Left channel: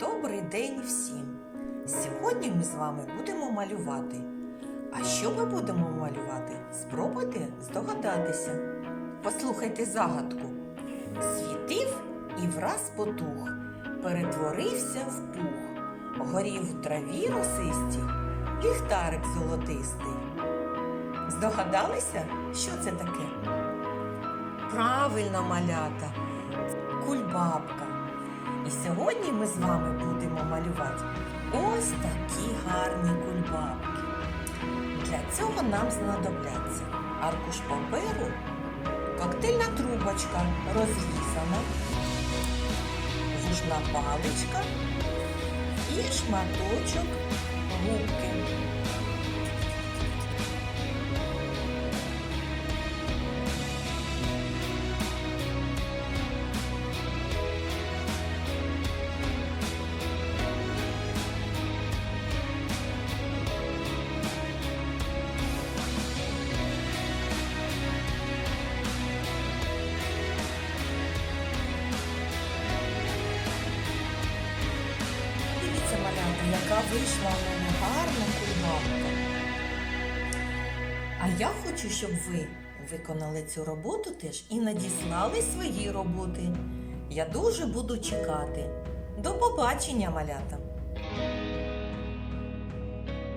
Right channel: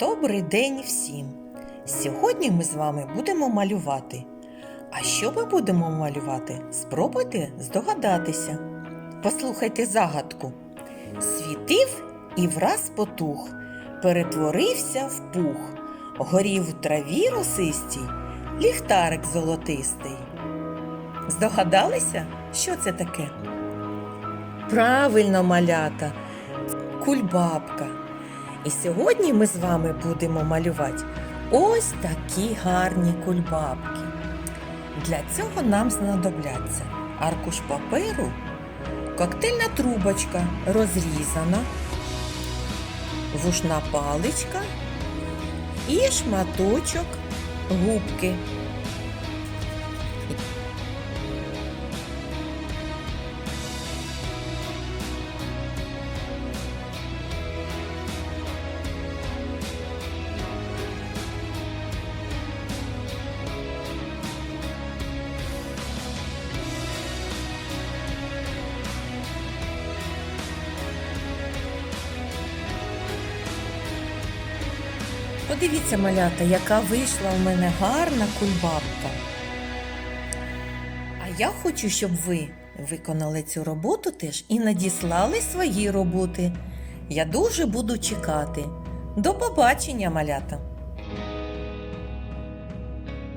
Добрий день всім! Сьогодні ми з вами будемо малювати. А що ми будемо малювати? Спробуйте здогадатися. Послухайте загадку. Світив і враз потух, перетворився в пух, горів в траві росистій, ліхтарик золотистий. Здогадалися, що це таке? Правильно, малята, кульбабка. І сьогодні ми з вами будемо малювати ось такі гарні кульбабки. Для цього нам знадобляться аркуш паперу, коктейльна трубочка розрізана, вушна паличка і шматочок губки. Подивіться, малята, яка вийшла у мене гарна кульбабка. А я хочу, щоб ви виконали цю роботу теж і надіслали свої роботи. Я дуже буду чекати. До побачення, малята!